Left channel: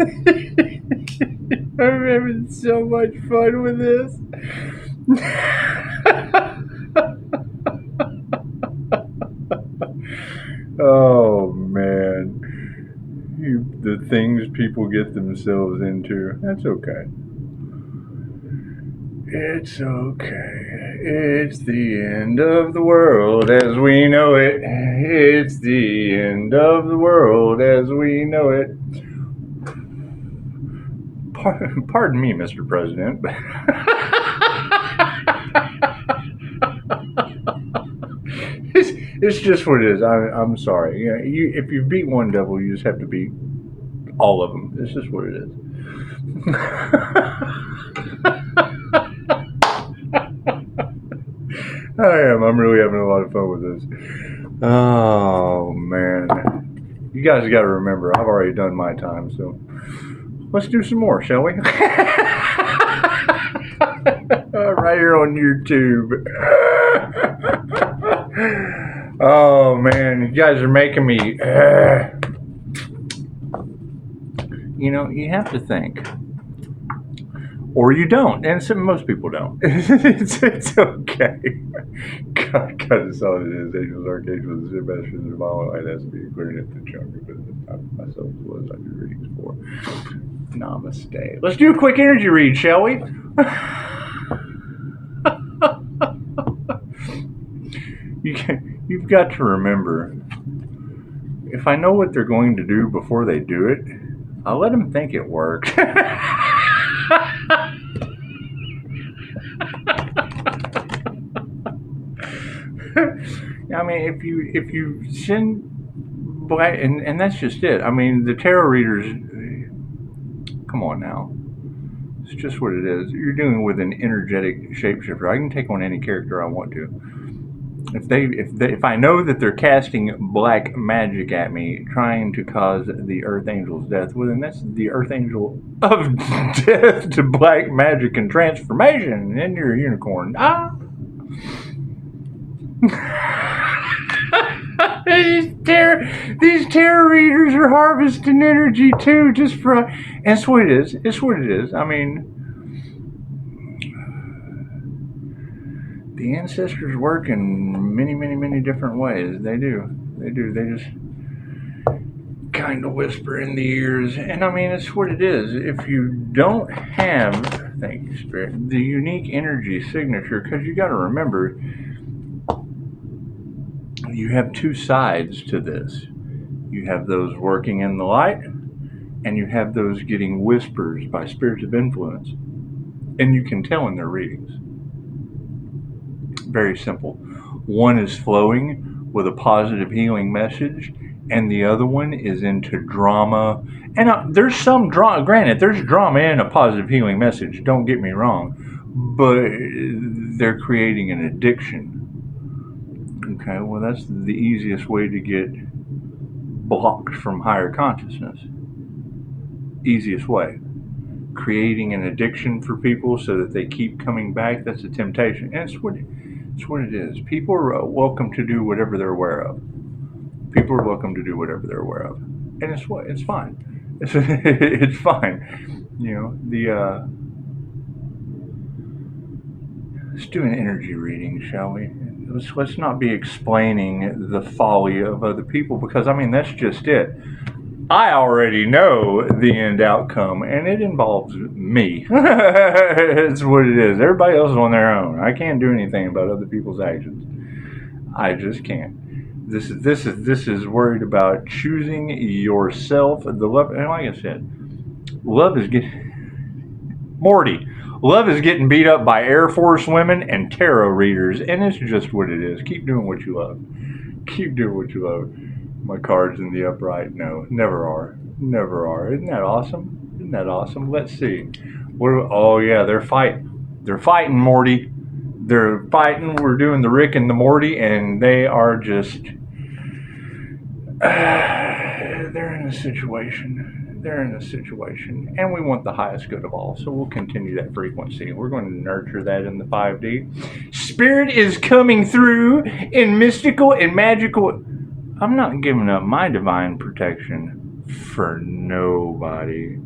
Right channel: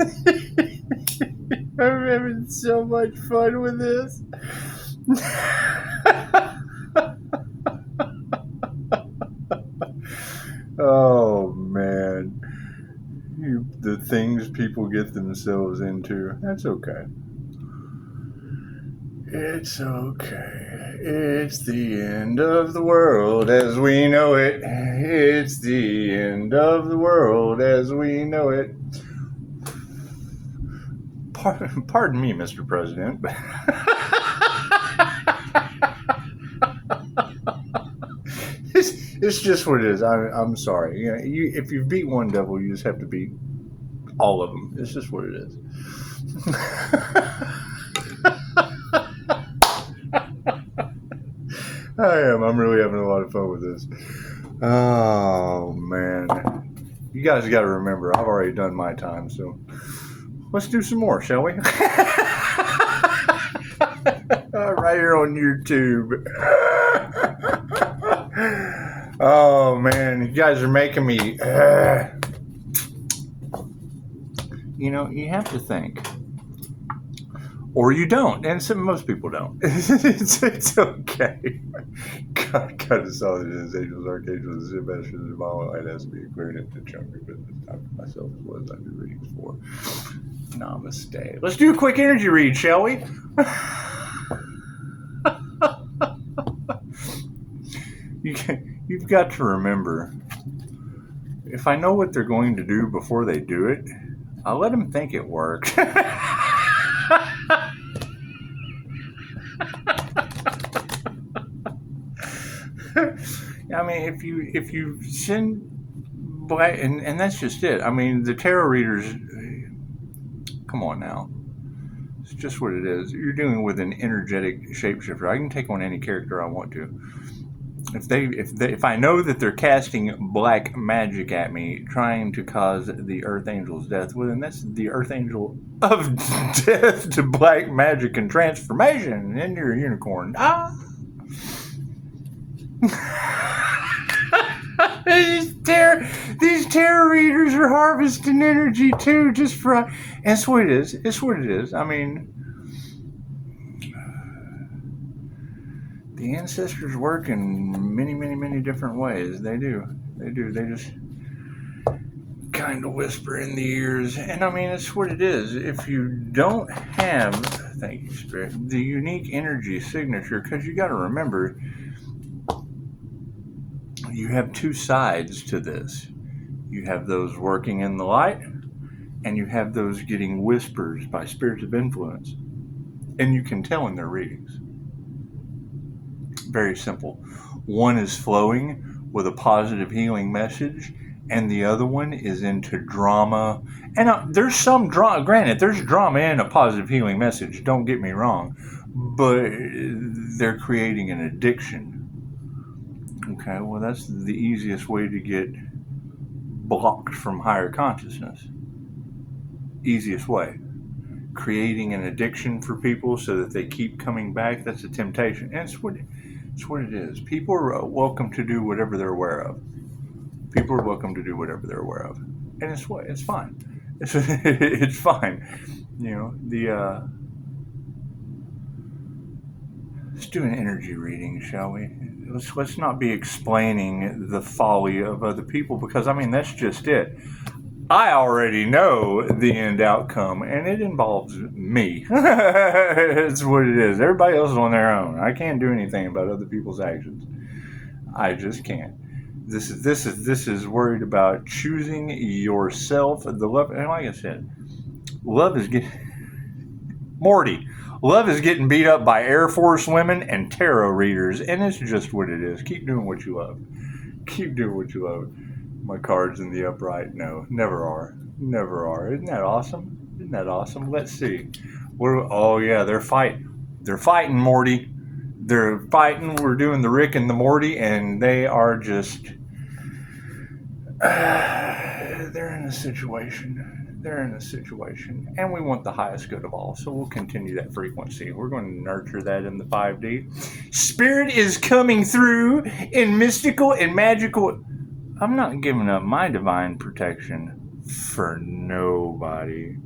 I'm having so much fun with this. Oh, man. The things people get themselves into. That's okay. It's okay. It's the end of the world as we know it. It's the end of the world as we know it. Pardon me, Mr. President. It's just what it is. I'm sorry. You know, if you beat one devil, you just have to beat all of them. It's just what it is. I am. I'm really having a lot of fun with this. Oh, man. You guys got to remember, I've already done my time, so let's do some more, shall we? Right here on YouTube. Oh, man. You guys are making me... You know, you have to think. Or you don't. And most people don't. It's okay. God is all it is. Angels, archangels, Sebastian, and Mama. It has to be clearing it to chunk of it. It's time for myself. What I do readings for. Namaste. Let's do a quick energy read, shall we? You've got to remember, if I know what they're going to do before they do it, I'll let them think it worked. I mean, if you send black, and that's just it. I mean, the tarot readers, come on now. It's just what it is. You're dealing with an energetic shapeshifter. I can take on any character I want to. If I know that they're casting black magic at me, trying to cause the Earth Angel's death, well, then that's the Earth Angel of death to black magic and transformation, and you're a unicorn. These tarot readers are harvesting energy too, just for, and it's what it is. It's what it is. I mean, the ancestors work in many, many, many different ways. They do. They just kind of whisper in the ears. And I mean, it's what it is. If you don't have, thank you, Spirit, the unique energy signature, because you got to remember, you have two sides to this. You have those working in the light, and you have those getting whispers by spirits of influence. And you can tell in their readings. Very simple. One is flowing with a positive healing message, and the other one is into drama. And there's some drama, granted, there's drama in a positive healing message, don't get me wrong, but they're creating an addiction. Okay, well, that's the easiest way to get blocked from higher consciousness. Easiest way. Creating an addiction for people so that they keep coming back, that's a temptation. And it's what it is. People are welcome to do whatever they're aware of. People are welcome to do whatever they're aware of. And it's fine. It's fine. You know, let's do an energy reading, shall we? Let's not be explaining the folly of other people, because, I mean, that's just it. I already know the end outcome, and it involves me. It's what it is. Everybody else is on their own. I can't do anything about other people's actions. I just can't. This is worried about choosing yourself. The love, and like I said, love is getting Morty. Love is getting beat up by Air Force women and tarot readers, and it's just what it is. Keep doing what you love. Keep doing what you love. My cards in the upright, no, never are. Never are. Isn't that awesome? Isn't that awesome? Let's see. Oh yeah, they're fighting. They're fighting, Morty. They're fighting. We're doing the Rick and the Morty, and they are just... they're in a situation. They're in a situation. And we want the highest good of all, so we'll continue that frequency. We're going to nurture that in the 5D. Spirit is coming through in mystical and magical... I'm not giving up my divine protection for nobody.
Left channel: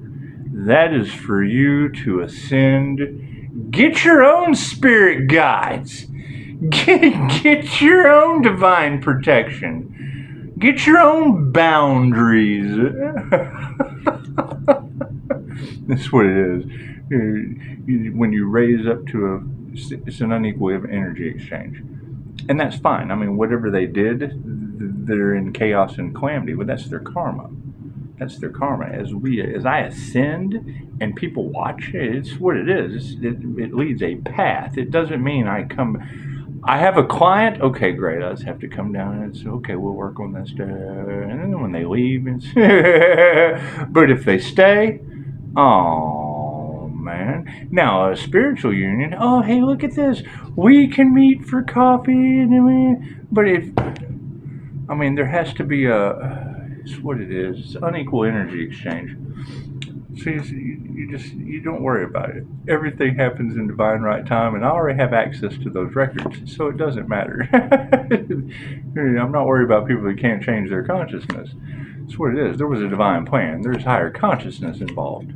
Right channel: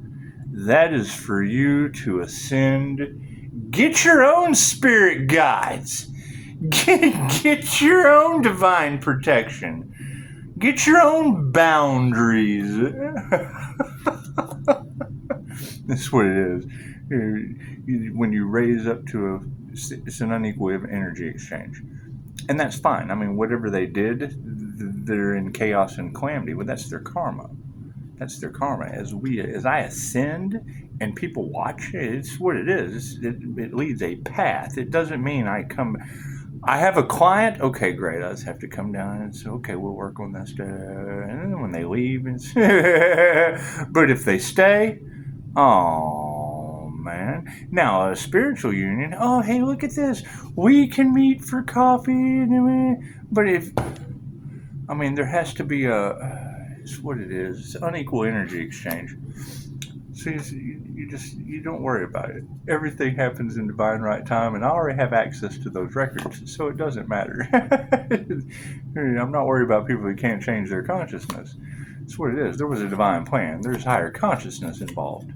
That is for you to ascend. Get your own spirit guides. Get your own divine protection. Get your own boundaries. That's what it is. When you raise up to it's an unequal energy exchange. And that's fine. I mean, whatever they did, they're in chaos and calamity. But that's their karma. That's their karma. As I ascend and people watch, it's what it is. It leads a path. It doesn't mean I have a client. Okay, great. I just have to come down and say, okay, we'll work on this. And then when they leave, it's but if they stay, oh man. Now a spiritual union. Oh, hey, look at this. We can meet for coffee. But there has to be it's what it is. It's unequal energy exchange. So you don't worry about it. Everything happens in divine right time, and I already have access to those records, so it doesn't matter. I'm not worried about people that can't change their consciousness. That's what it is. There was a divine plan. There's higher consciousness involved.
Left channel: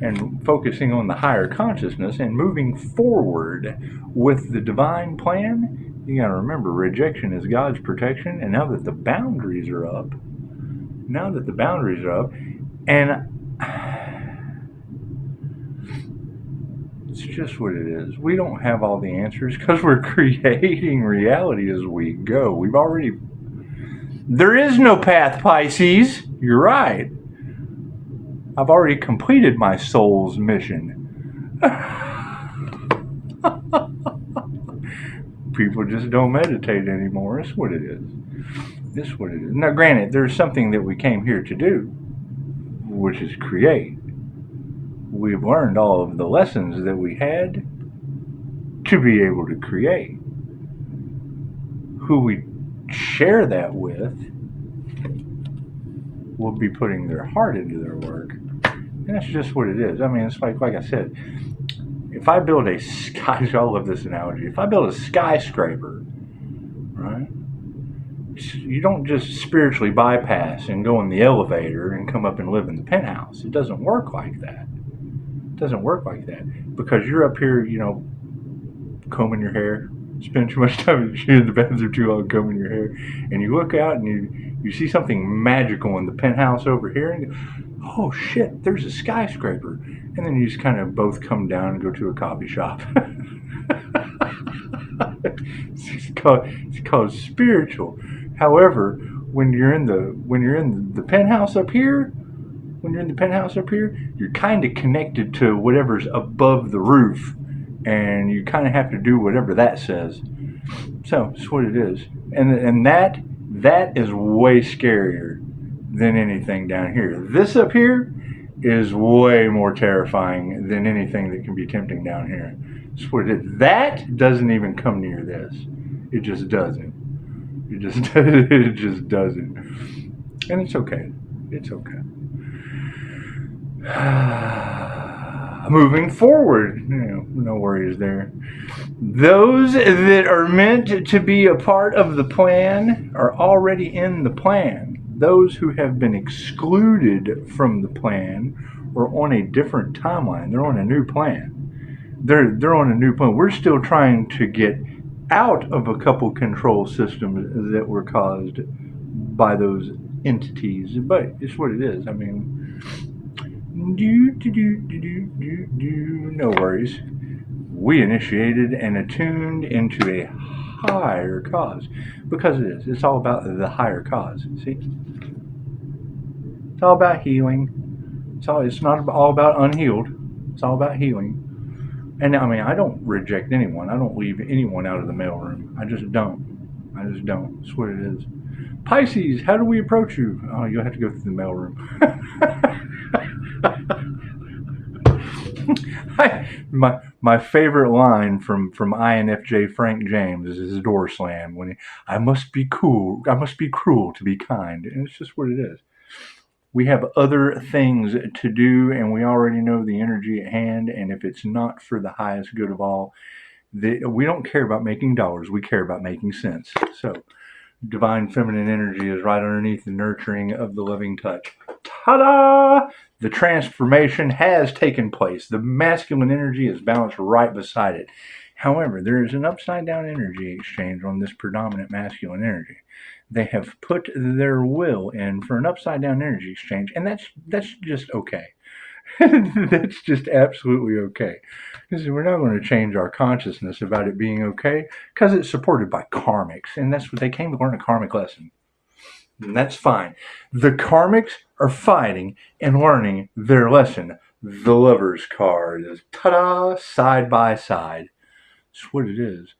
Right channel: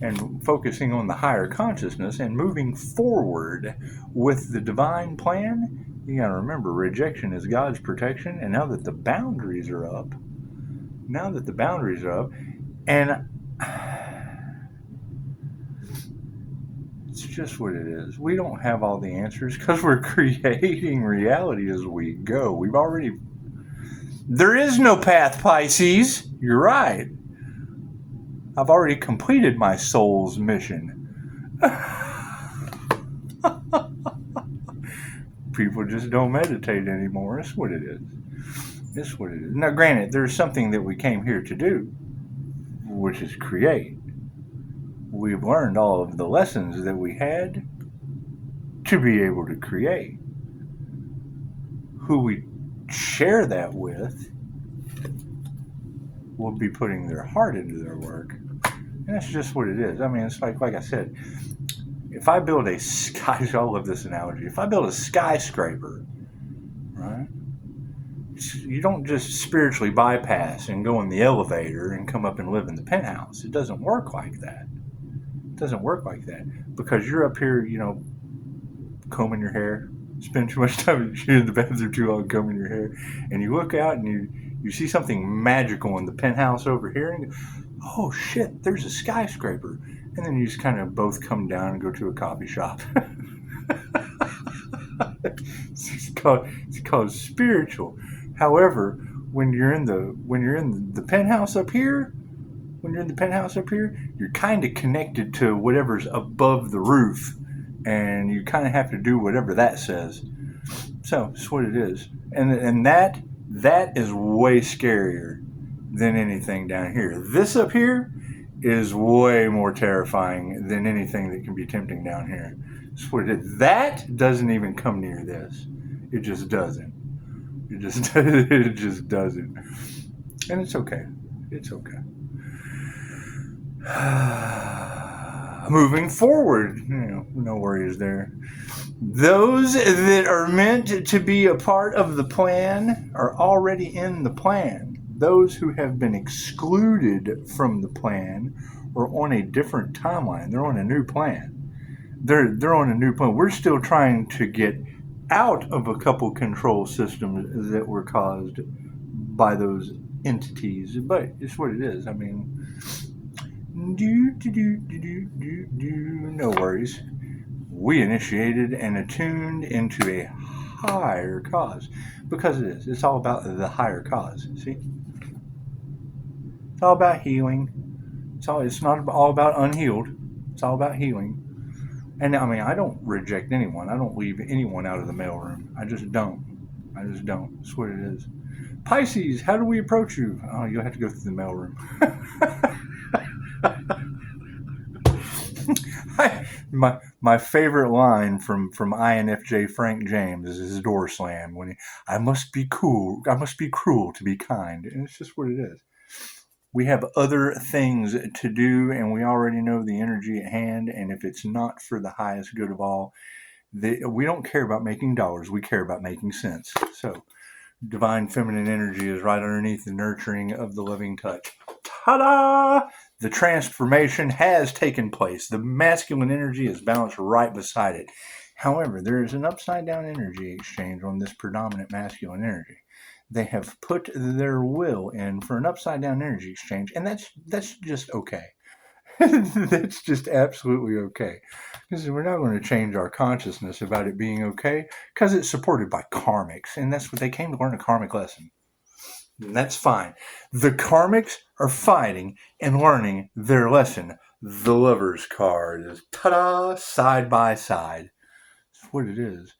And focusing on the higher consciousness and moving forward with the divine plan, you gotta remember, rejection is God's protection. And now that the boundaries are up, and it's just what it is. We don't have all the answers because we're creating reality as we go. There is no path, Pisces. You're right. I've already completed my soul's mission. People just don't meditate anymore. That's what it is. Now, granted, there's something that we came here to do, which is create. We've learned all of the lessons that we had to be able to create. Who we share that with will be putting their heart into their work. And that's just what it is. It's like I said, if I build I love this analogy. If I build a skyscraper, right? You don't just spiritually bypass and go in the elevator and come up and live in the penthouse. It doesn't work like that. Because you're up here, combing your hair, spend too much time in the bathroom too long combing your hair, and you look out and you see something magical in the penthouse over here, and you go, oh shit, there's a skyscraper. And then you just kind of both come down and go to a coffee shop. It's called spiritual. However, when you're in the penthouse up here, you're kind of connected to whatever's above the roof, and you kind of have to do whatever that says. So it's what it is, and that is way scarier than anything down here. This up here is way more terrifying than anything that can be tempting down here. It's what it is. That doesn't even come near this. It just doesn't. It just doesn't. And it's okay. Moving forward, no worries there. Those that are meant to be a part of the plan are already in the plan. Those who have been excluded from the plan are on a different timeline. They're on a new plan. They're on a new plan. We're still trying to get out of a couple control systems that were caused by those entities, but it's what it is. No worries. We initiated and attuned into a higher cause, because it is. It's all about the higher cause. See, it's all about healing. It's not all about unhealed. It's all about healing. And I don't reject anyone. I don't leave anyone out of the mailroom. I just don't. That's what it is. Pisces, how do we approach you? Oh, you'll have to go through the mailroom. My favorite line from INFJ Frank James is his door slam when I must be cruel to be kind. And it's just what it is. We have other things to do, and we already know the energy at hand, and if it's not for the highest good of all, we don't care about making dollars. We care about making sense. So divine feminine energy is right underneath the nurturing of the loving touch. ta-da! The transformation has taken place. The masculine energy is balanced right beside it. However, there is an upside-down energy exchange on this predominant masculine energy. They have put their will in for an upside-down energy exchange, and that's just okay. That's just absolutely okay. Because we're not going to change our consciousness about it being okay, because it's supported by karmics, and that's what they came to learn, a karmic lesson. And that's fine. The karmics are fighting and learning their lesson. The Lover's card is, ta-da, side by side. That's what it is.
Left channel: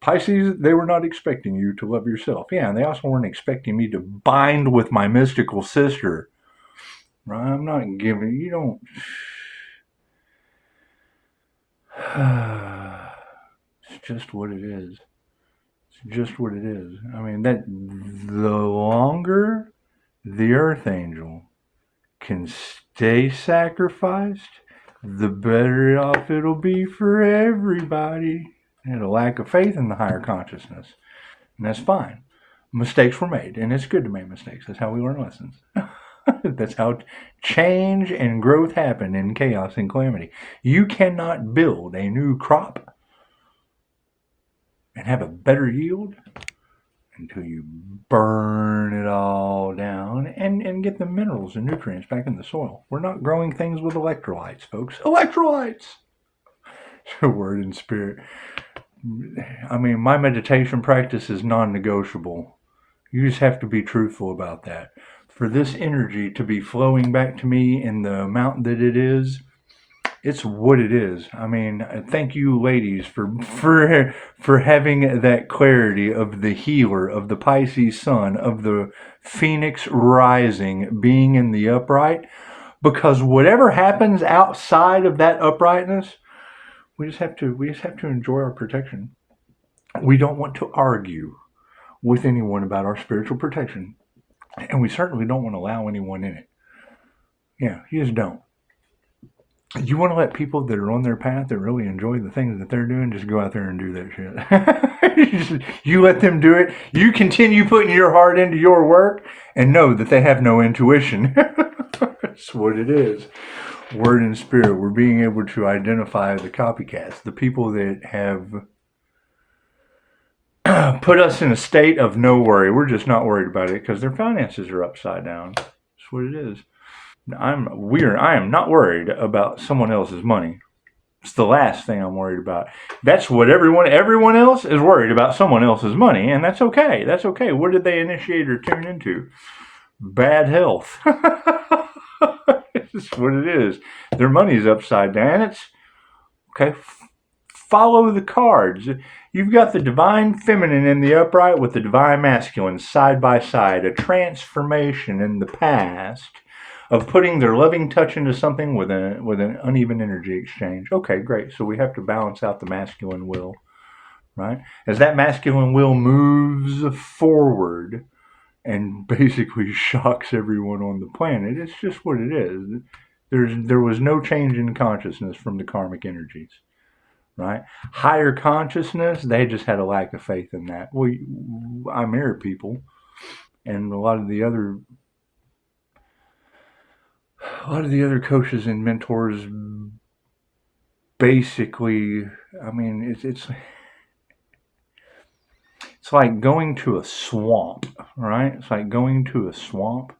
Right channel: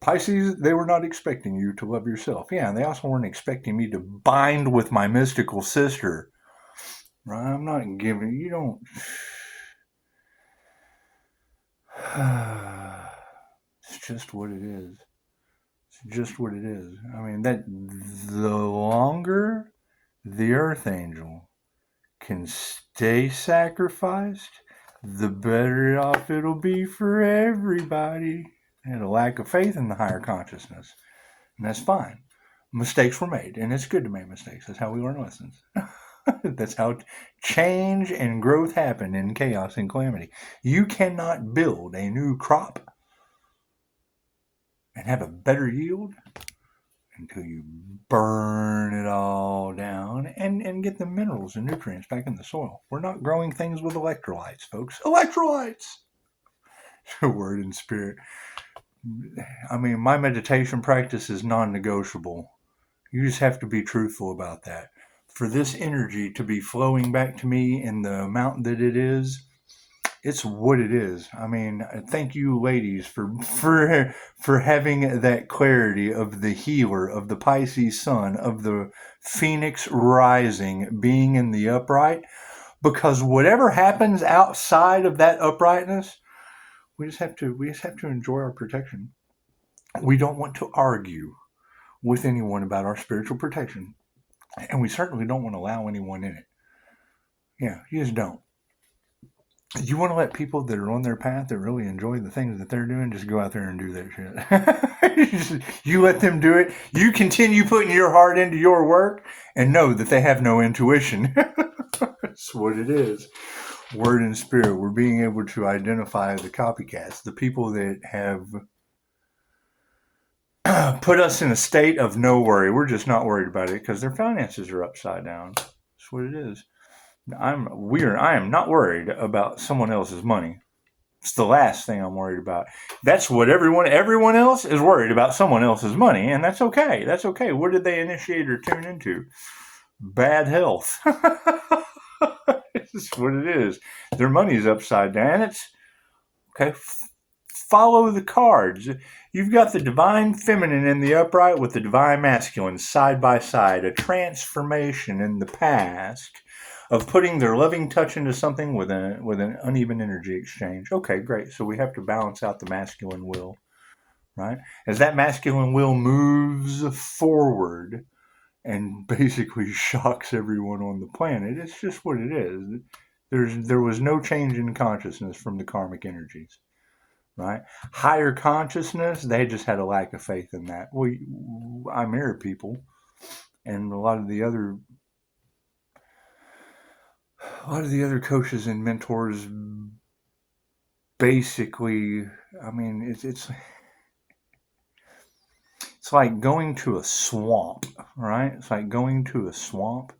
Pisces, they were not expecting you to love yourself. Yeah, and they also weren't expecting me to bind with my mystical sister. Right? I'm not giving, you don't. It's just what it is. It's just what it is. I mean, that the longer the Earth Angel can stay sacrificed, the better off it'll be for everybody. And a lack of faith in the higher consciousness. And that's fine. Mistakes were made, and it's good to make mistakes. That's how we learn lessons. That's how change and growth happen in chaos and calamity. You cannot build a new crop and have a better yield until you burn it all down and get the minerals and nutrients back in the soil. We're not growing things with electrolytes, folks. Electrolytes! Word and spirit. I mean, my meditation practice is non-negotiable. You just have to be truthful about that. For this energy to be flowing back to me in the amount that it is, it's what it is. I mean, thank you, ladies, for having that clarity of the healer, of the Pisces sun, of the Phoenix rising, being in the upright. Because whatever happens outside of that uprightness, we just have to enjoy our protection. We don't want to argue with anyone about our spiritual protection, and we certainly don't want to allow anyone in it. Yeah, you just don't. You want to let people that are on their path that really enjoy the things that they're doing just go out there and do that shit. You let them do it. You continue putting your heart into your work and know that they have no intuition. That's what it is. Word and spirit. We're being able to identify the copycats, the people that have put us in a state of no worry. We're just not worried about it because their finances are upside down. That's what it is. I am not worried about someone else's money. It's the last thing I'm worried about. That's what everyone else is worried about, someone else's money, and that's okay. That's okay. What did they initiate or tune into? Bad health. It's what it is. Their money's upside down. It's okay. Follow the cards. You've got the divine feminine in the upright with the divine masculine side by side, a transformation in the past of putting their loving touch into something with an uneven energy exchange. Okay, great. So we have to balance out the masculine will, right? As that masculine will moves forward and basically shocks everyone on the planet, it's just what it is. There was no change in consciousness from the karmic energies. Right? Higher consciousness, they just had a lack of faith in that. Well, I mirror people, and a lot of the other coaches and mentors basically, I mean, it's like going to a swamp, right? It's like going to a swamp,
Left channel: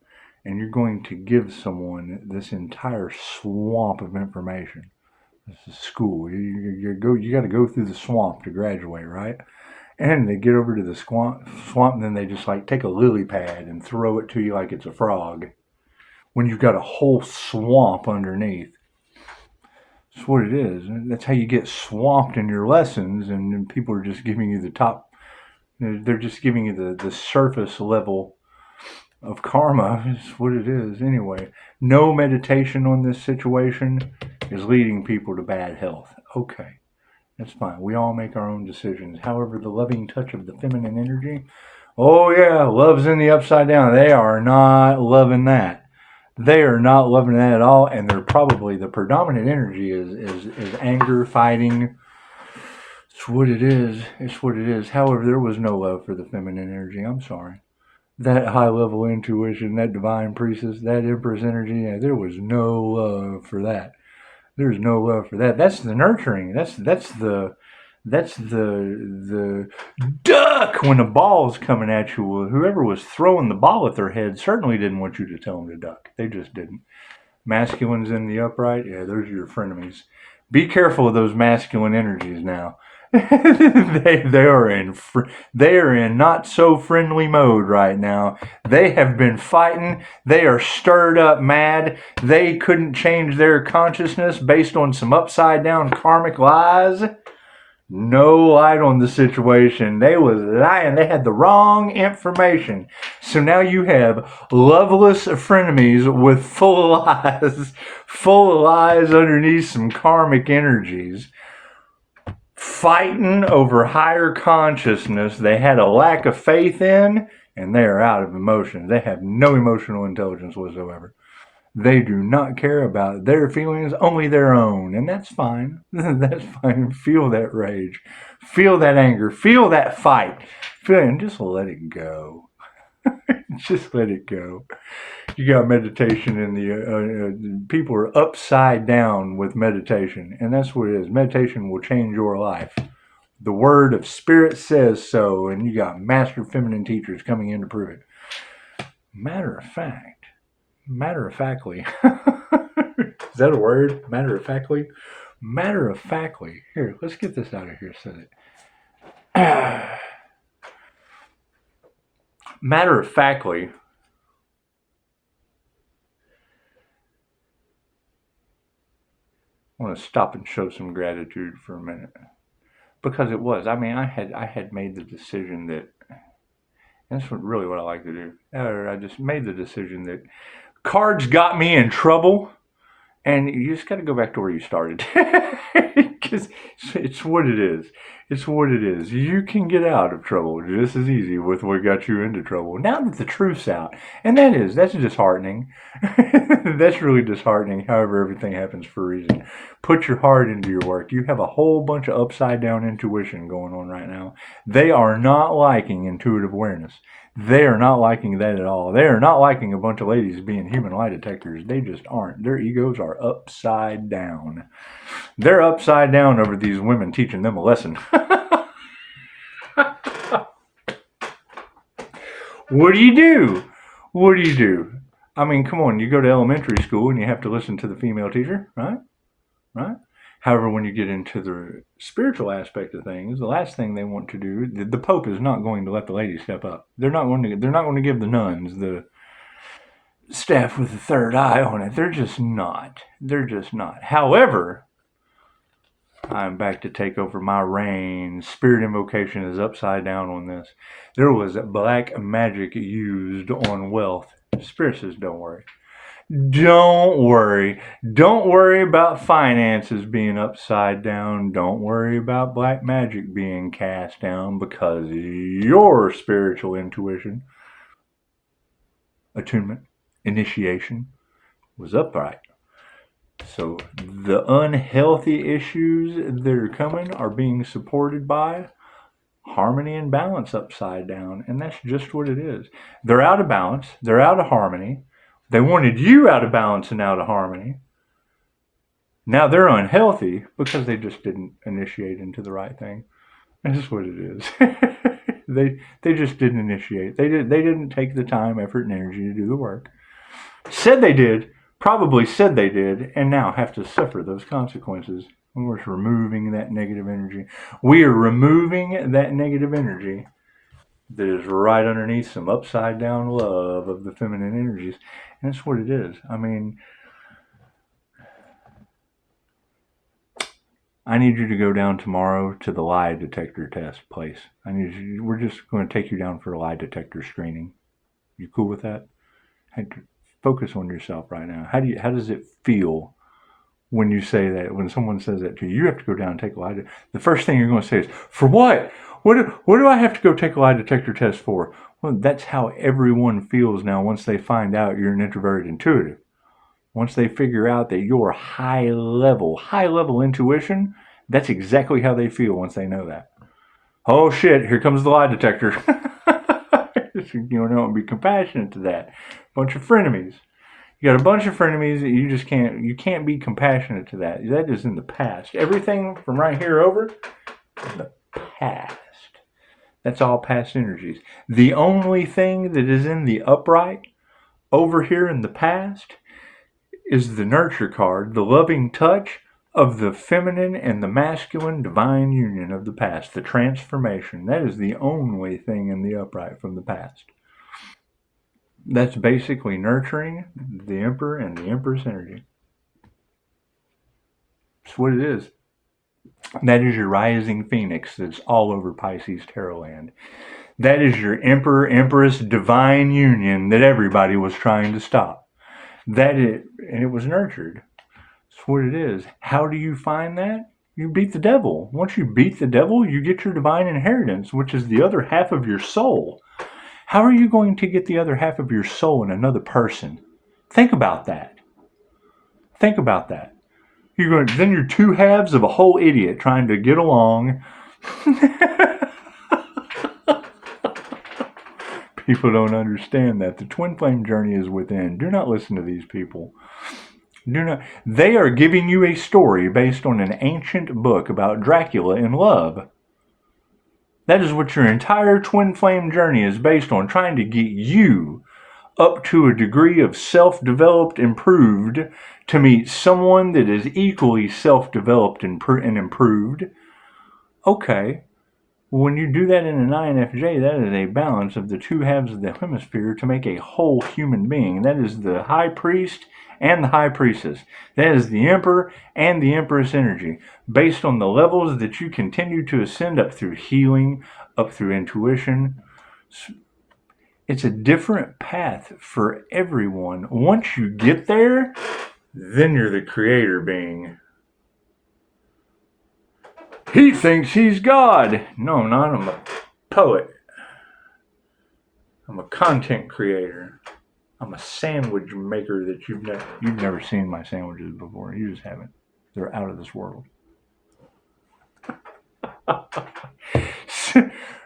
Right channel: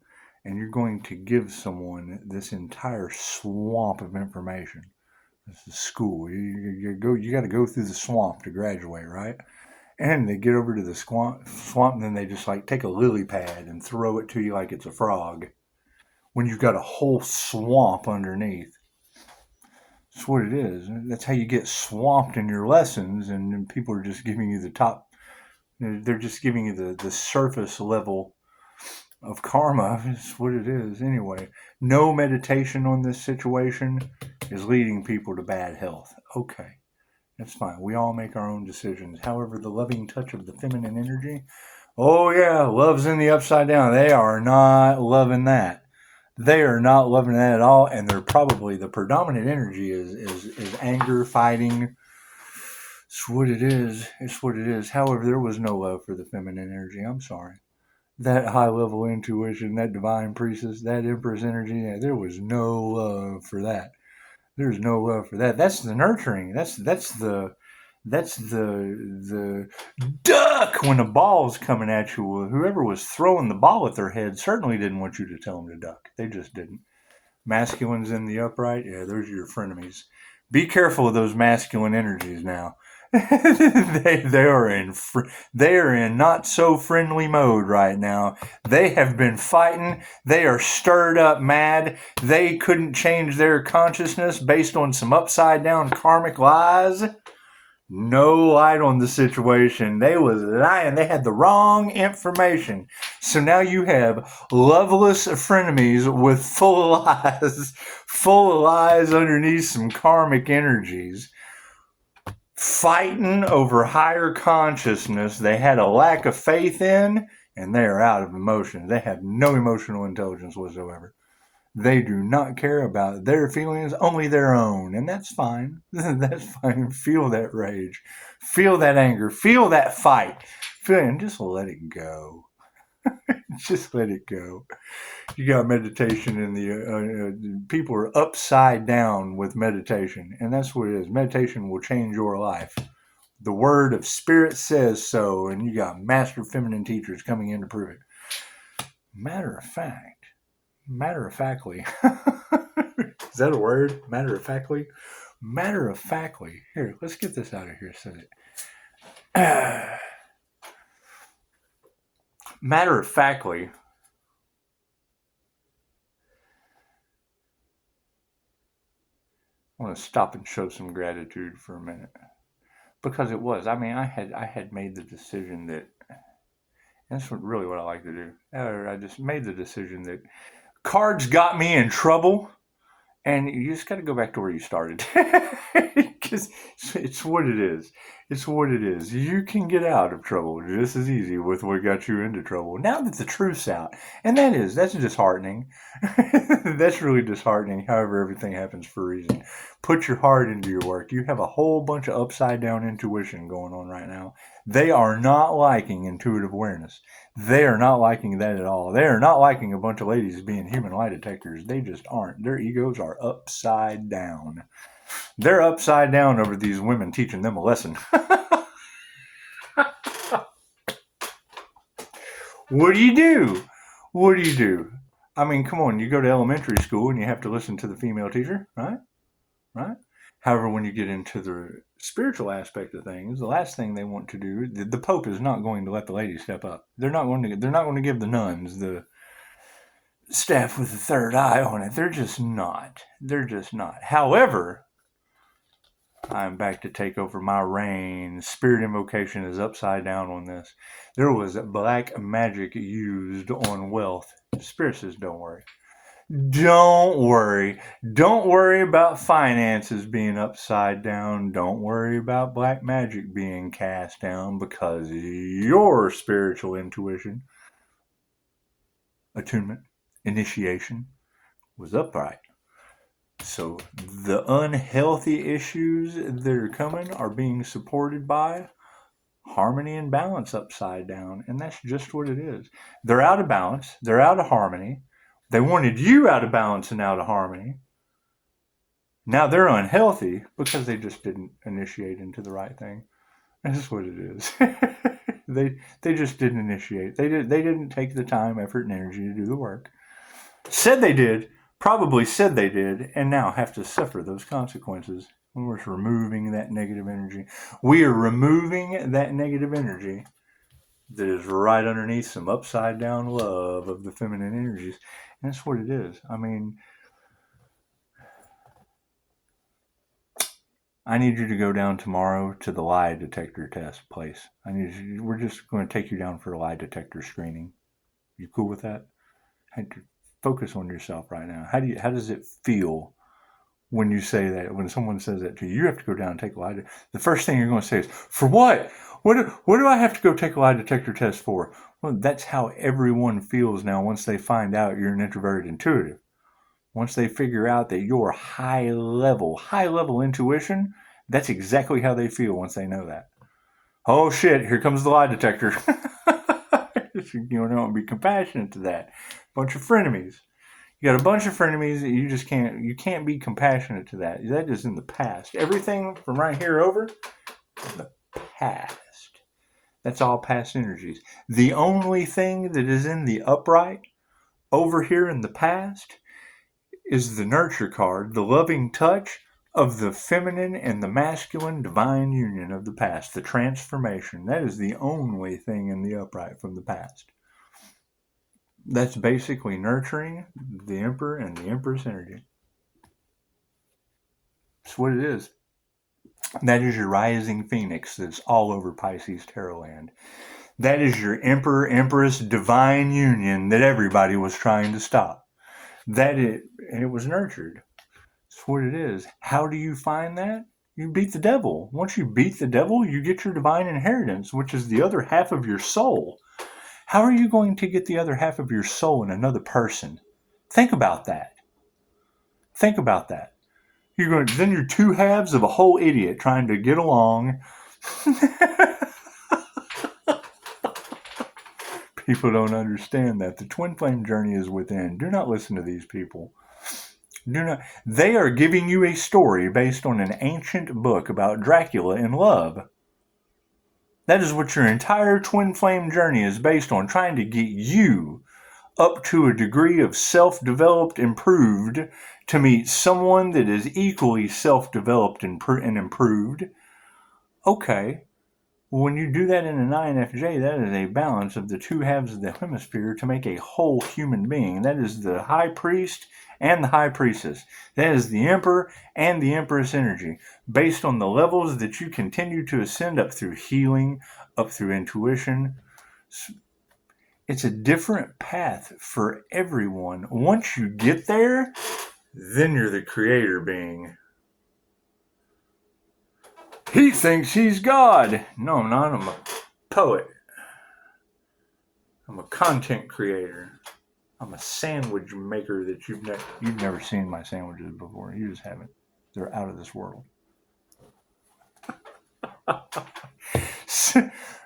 and you're going to give someone this entire swamp of information. This is school. You got to go through the swamp to graduate, right? And they get over to the swamp, and then they just like take a lily pad and throw it to you like it's a frog. When you've got a whole swamp underneath. That's what it is. That's how you get swamped in your lessons, and people are just giving you the top. They're just giving you the surface level of karma. It's what it is. Anyway, no meditation on this situation is leading people to bad health. Okay. That's fine. We all make our own decisions. However, the loving touch of the feminine energy, oh yeah, love's in the upside down. They are not loving that. They are not loving that at all, and they're probably the predominant energy is anger, fighting. It's what it is. It's what it is. However, there was no love for the feminine energy. I'm sorry. that high level intuition, that divine priestess, that empress energy, there was no love for that. There's no love for that. That's the nurturing. That's the duck when the ball's coming at you. Whoever was throwing the ball at their head certainly didn't want you to tell them to duck. They just didn't. Masculines in the upright, yeah, those are your frenemies. Be careful of those masculine energies now. They are in not so friendly mode right now. They have been fighting. They are stirred up mad. They couldn't change their consciousness based on some upside down karmic lies. No light on the situation. They was lying. They had the wrong information. So now you have loveless frenemies with full of lies underneath some karmic energies, fighting over higher consciousness they had a lack of faith in, and they are out of emotion. They have no emotional intelligence whatsoever. They do not care about their feelings, only their own. And that's fine. That's fine. Feel that rage. Feel that anger. Feel that fight. And just let it go. Just let it go. You got meditation in the people are upside down with meditation. And that's what it is. Meditation will change your life. The word of spirit says so. And you got master feminine teachers coming in to prove it. Matter of factly. Is that a word? Matter of factly? Matter of factly. Here, let's get this out of here. Said it. Matter of factly. I want to stop and show some gratitude for a minute. Because it was. I mean, I had made the decision that, and that's really what I like to do. I just made the decision that cards got me in trouble, and you just got to go back to where you started. Because it's what it is. It's what it is. You can get out of trouble just as easy with what got you into trouble. Now that the truth's out, and that's disheartening. That's really disheartening. However, everything happens for a reason. Put your heart into your work. You have a whole bunch of upside down intuition going on right now. They are not liking intuitive awareness. They are not liking that at all. They are not liking a bunch of ladies being human lie detectors. They just aren't. Their egos are upside down. They're upside down over these women teaching them a lesson. What do you do? What do you do? I mean, come on, you go to elementary school and you have to listen to the female teacher, right? Right? However, when you get into the spiritual aspect of things, the last thing they want to do, the Pope is not going to let the ladies step up. They're not going to give the nuns the staff with the third eye on it. They're just not. They're just not. However, I'm back to take over my reign. Spirit invocation is upside down on this. There was black magic used on wealth. Spirit says, don't worry. Don't worry. Don't worry about finances being upside down. Don't worry about black magic being cast down, because your spiritual intuition, attunement, initiation was upright. So the unhealthy issues that are coming are being supported by harmony and balance upside down. And that's just what it is. They're out of balance. They're out of harmony. They wanted you out of balance and out of harmony. Now they're unhealthy because they just didn't initiate into the right thing. That's just what it is. They just didn't initiate. They didn't take the time, effort, and energy to do the work. Said they did, probably said they did, and now have to suffer those consequences. We're removing that negative energy. We are removing that negative energy that is right underneath some upside down love of the feminine energies. And that's what it is. I mean, I need you to go down tomorrow to the lie detector test place. We're just going to take you down for a lie detector screening. You cool with that? Focus on yourself right now. How does it feel when you say that? When someone says that to you, you have to go down and take a lie detector. The first thing you're going to say is, for what? What do I have to go take a lie detector test for? Well, that's how everyone feels now once they find out you're an introverted intuitive. Once they figure out that you're high level intuition, that's exactly how they feel once they know that. Oh shit, here comes the lie detector. You don't be compassionate to that. Bunch of frenemies. You got a bunch of frenemies that you can't be compassionate to that. That is in the past. Everything from right here over, the past. That's all past energies. The only thing that is in the upright over here in the past is the nurture card, the loving touch of the feminine and the masculine divine union of the past, the transformation. That is the only thing in the upright from the past. That's basically nurturing the Emperor and the Empress energy. That's what it is. That is your rising phoenix that's all over Pisces Tarot land. That is your Emperor, Empress, divine union that everybody was trying to stop. And it was nurtured. That's what it is. How do you find that? You beat the devil. Once you beat the devil, you get your divine inheritance, which is the other half of your soul. How are you going to get the other half of your soul in another person? Think about that. Think about that. Then you're two halves of a whole idiot trying to get along. People don't understand that. The twin flame journey is within. Do not listen to these people. They are giving you a story based on an ancient book about Dracula in love. That is what your entire twin flame journey is based on, trying to get you up to a degree of self-developed, improved, to meet someone that is equally self-developed and improved. Okay. When you do that in an INFJ, that is a balance of the two halves of the hemisphere to make a whole human being. That is the high priest and the high priestess. That is the emperor and the empress energy, based on the levels that you continue to ascend up through healing, up through intuition. It's a different path for everyone. Once you get there, then you're the creator being. He thinks he's God. No, I'm not. I'm a poet. I'm a content creator. I'm a sandwich maker that you've never seen my sandwiches before. You just haven't. They're out of this world.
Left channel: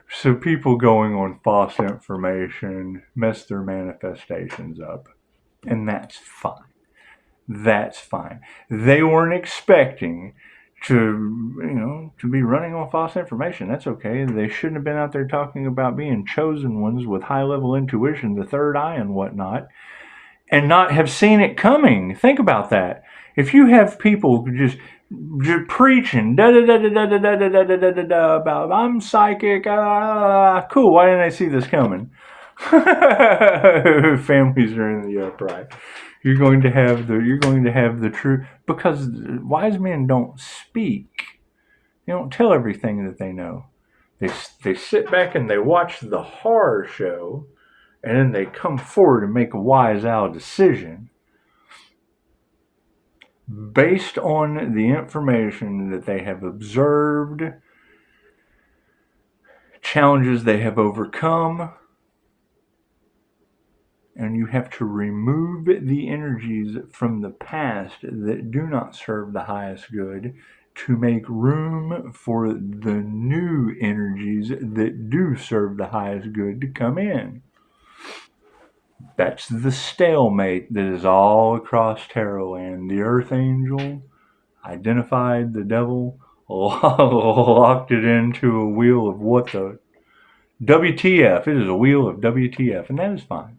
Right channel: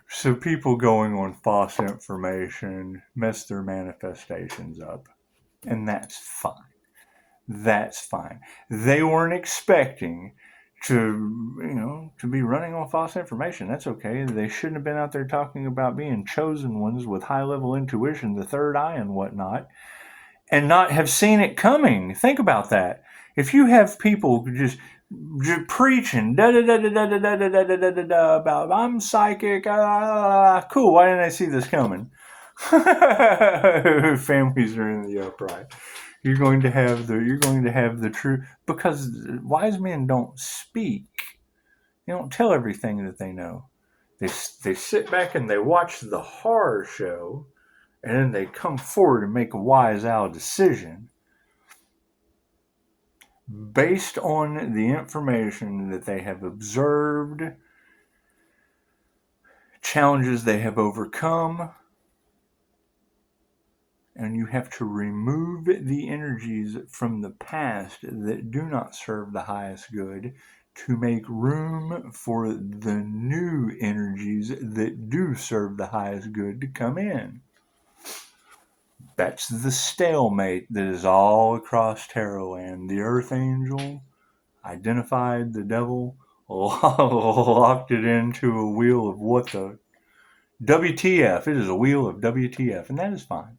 So people going on false information mess their manifestations up. And that's fine. That's fine. They weren't expecting to be running on false information. That's okay. They shouldn't have been out there talking about being chosen ones with high-level intuition, the third eye and whatnot, and not have seen it coming. Think about that. If you have people just preaching about I'm psychic, cool. Why didn't I see this coming? Families are in the upright. You're going to have the truth, because wise men don't speak. They don't tell everything that they know. They sit back and they watch the horror show, and then they come forward and make a wise owl decision based on the information that they have observed, challenges they have overcome. And you have to remove the energies from the past that do not serve the highest good to make room for the new energies that do serve the highest good to come in. That's the stalemate that is all across Tarot land. The Earth Angel identified the devil, locked it into a wheel of what the WTF. It is a wheel of WTF, and that is fine.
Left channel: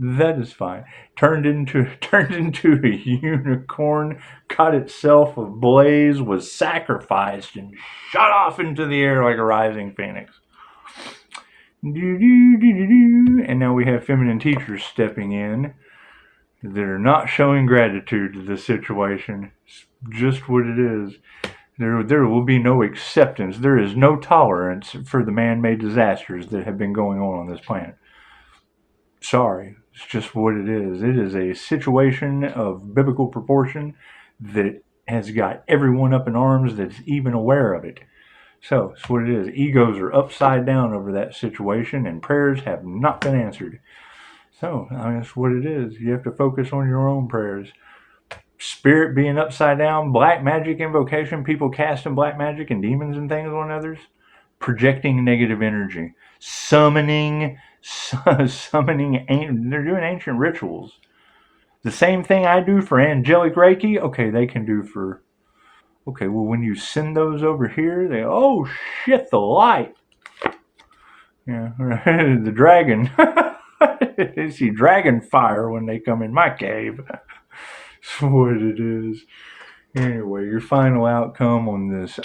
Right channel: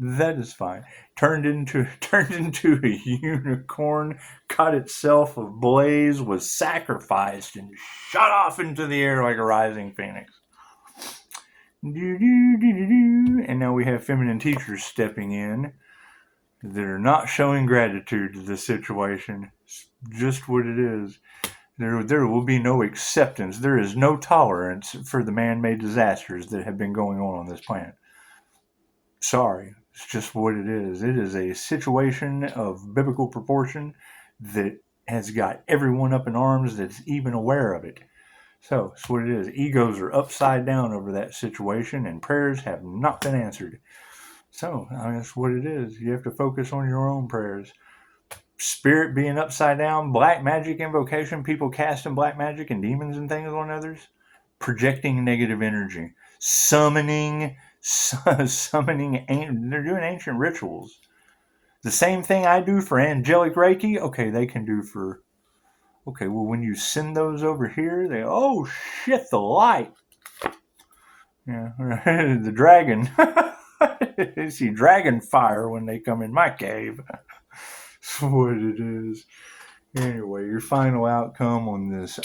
That is fine. Turned into a unicorn, caught itself ablaze, was sacrificed, and shot off into the air like a rising phoenix. And now we have feminine teachers stepping in that are not showing gratitude to the situation. It's just what it is. There will be no acceptance. There is no tolerance for the man-made disasters that have been going on this planet. Sorry, it's just what it is. It is a situation of biblical proportion that has got everyone up in arms that's even aware of it. So, it's what it is. Egos are upside down over that situation, and prayers have not been answered. So, that's what it is. You have to focus on your own prayers. Spirit being upside down, black magic invocation, people casting black magic and demons and things on others, projecting negative energy, summoning summoning, they're doing ancient rituals. The same thing I do for angelic Reiki, okay, they can do for, okay, well, when you send those over here, oh shit, the light. Yeah, the dragon. They see dragon fire when they come in my cave. That's what it is. Anyway, your final outcome on this.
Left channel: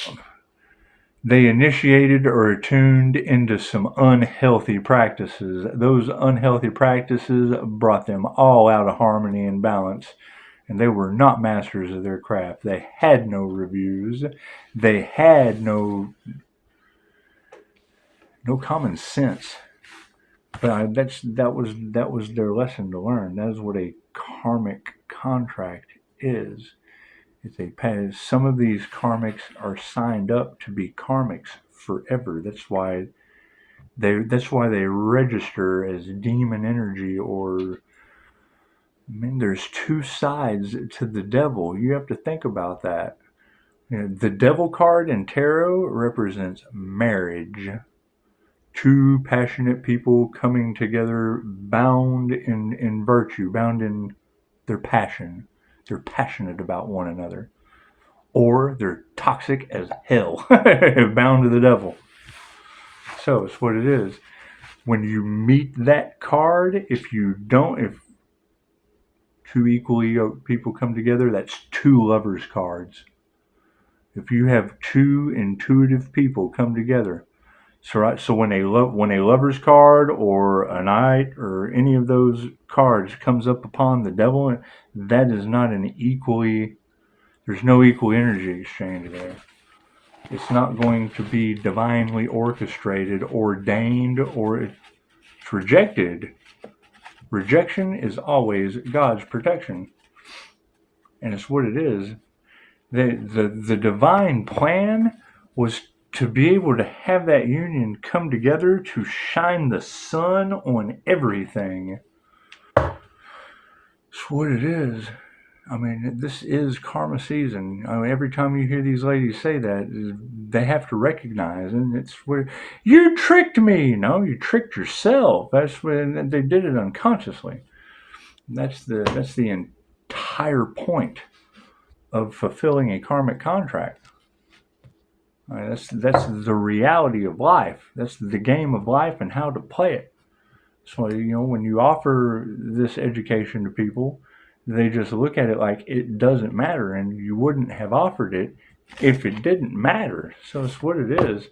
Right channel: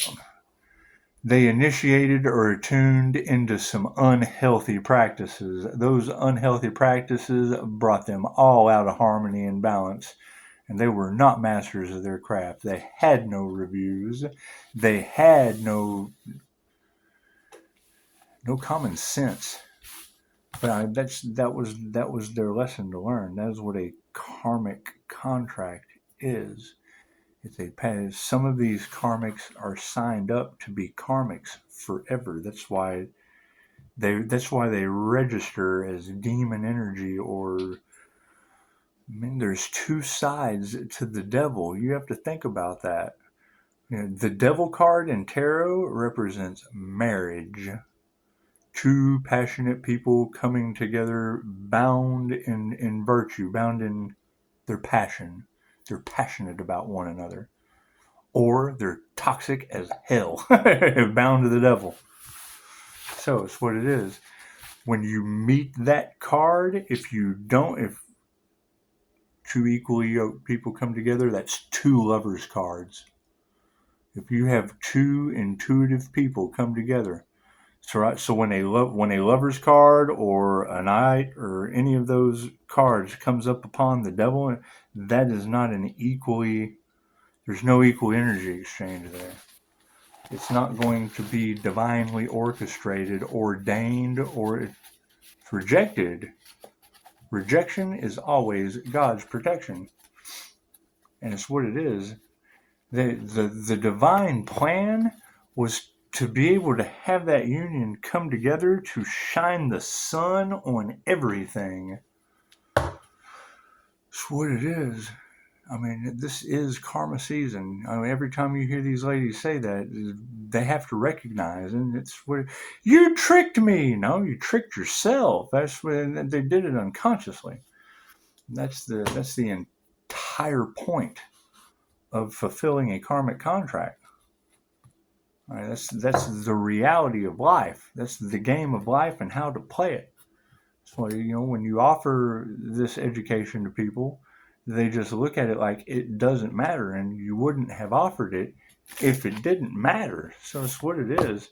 They initiated or attuned into some unhealthy practices. Those unhealthy practices brought them all out of harmony and balance, and they were not masters of their craft. They had no reviews. They had no common sense. But that was their lesson to learn. That is what a karmic contract is. Some of these karmics are signed up to be karmics forever. That's why they register as demon energy, or there's two sides to the devil. You have to think about that. The devil card in tarot represents marriage. Two passionate people coming together, bound in virtue, bound in their passion. They're passionate about one another. Or they're toxic as hell, bound to the devil. So it's what it is. When you meet that card, if two equally yoked people come together, that's two lovers cards. If you have two intuitive people come together, so when a lover's card or a knight or any of those cards comes up upon the devil, that is not there's no equal energy exchange there. It's not going to be divinely orchestrated, ordained, or it's rejected. Rejection is always God's protection. And it's what it is. The divine plan was to be able to have that union come together to shine the sun on everything. It's what it is. I mean, this is karma season. I mean, every time you hear these ladies say that, they have to recognize, and it's where you tricked me. No, you tricked yourself. That's when they did it unconsciously. That's the entire point of fulfilling a karmic contract. That's the reality of life. That's the game of life and how to play it. So, when you offer this education to people, they just look at it like it doesn't matter, and you wouldn't have offered it if it didn't matter. So it's what it is.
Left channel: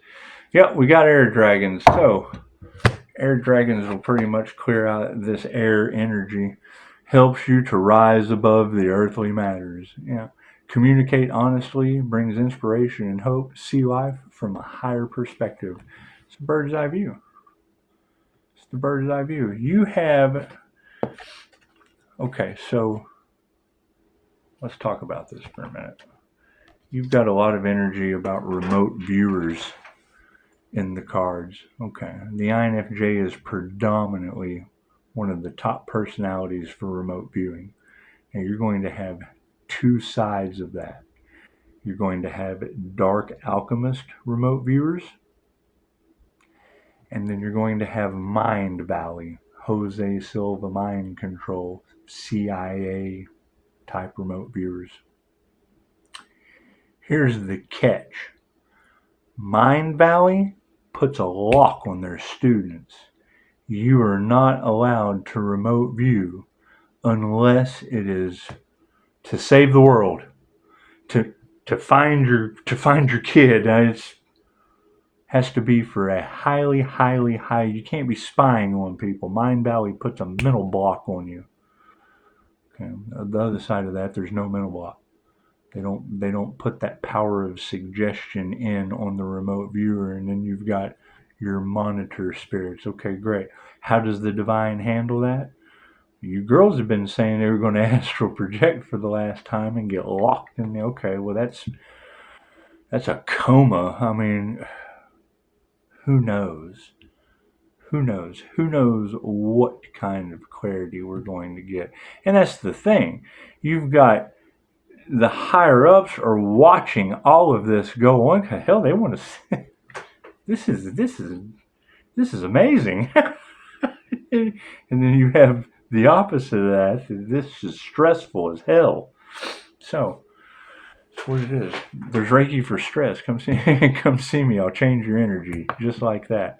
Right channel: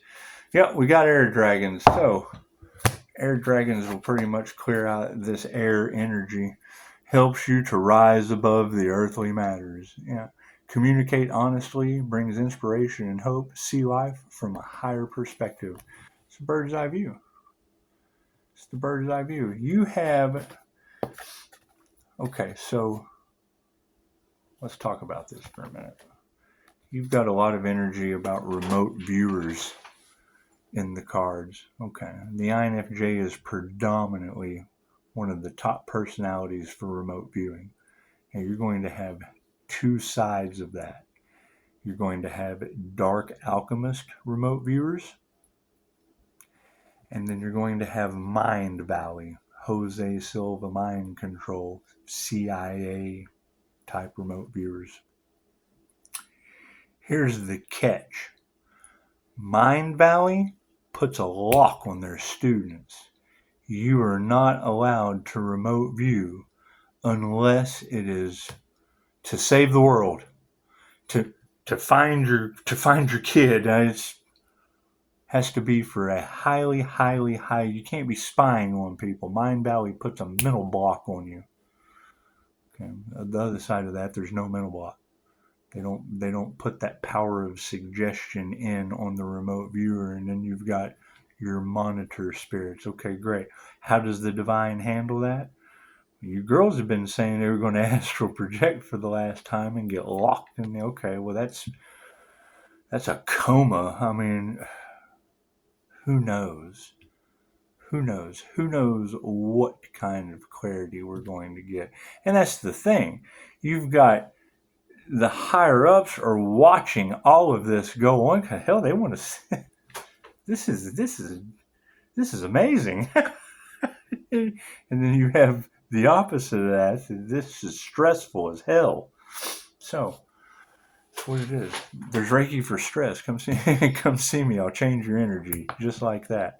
Yep, we got air dragons. So air dragons will pretty much clear out this air energy. Helps you to rise above the earthly matters. Yeah. Communicate honestly, brings inspiration and hope, see life from a higher perspective. It's a bird's eye view. It's the bird's eye view. You have... Okay, so let's talk about this for a minute. You've got a lot of energy about remote viewers in the cards. Okay, the INFJ is predominantly one of the top personalities for remote viewing. And you're going to have two sides of that. You're going to have dark alchemist remote viewers, and then you're going to have Mind Valley, Jose Silva mind control, CIA type remote viewers. Here's the catch. Mind Valley puts a lock on their students. You are not allowed to remote view unless it is to save the world, to find your kid. It has to be for a highly, highly high. You can't be spying on people. Mind Valley puts a mental block on you. Okay. On the other side of that, there's no mental block. They don't put that power of suggestion in on the remote viewer, and then you've got your monitor spirits. Okay, great. How does the divine handle that? You girls have been saying they were going to astral project for the last time and get locked in. Okay, well that's a coma. I mean, who knows? Who knows? Who knows what kind of clarity we're going to get? And that's the thing. You've got the higher ups are watching all of this go on. Hell, they want to see. This is amazing. And then you have the opposite of that. This is stressful as hell. So that's what it is. There's Reiki for stress. Come see, come see me. I'll change your energy just like that.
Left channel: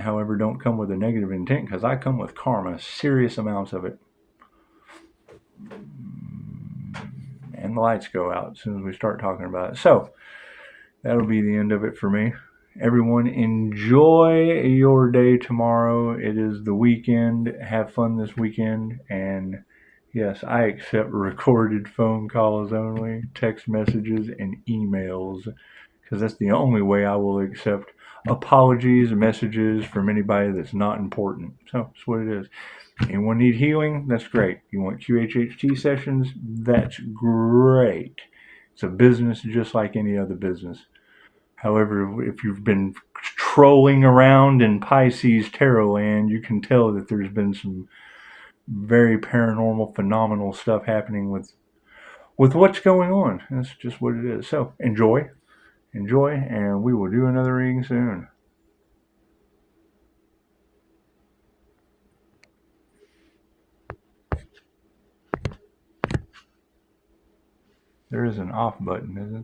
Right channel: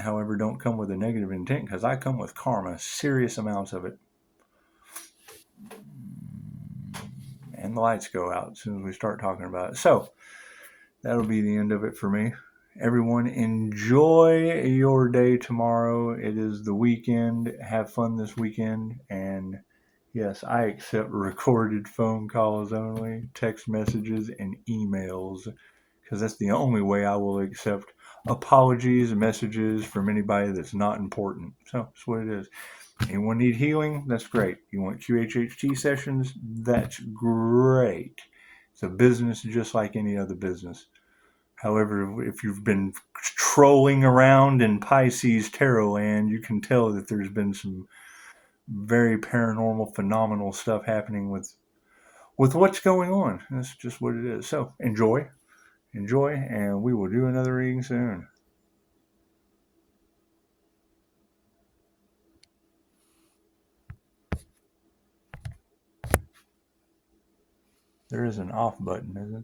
However, don't come with a negative intent because I come with karma, serious amounts of it. And the lights go out as soon as we start talking about it. So that'll be the end of it for me. Everyone, enjoy your day tomorrow. It is the weekend. Have fun this weekend. And yes, I accept recorded phone calls only, text messages, and emails because that's the only way I will accept apologies, messages from anybody that's not important. So that's what it is. Anyone need healing? That's great. You want QHHT sessions? That's great. It's a business just like any other business. However, if you've been trolling around in Pisces tarot land, you can tell that there's been some very paranormal, phenomenal stuff happening with what's going on. That's just what it is. So enjoy, and we will do another reading soon. There is an off button, isn't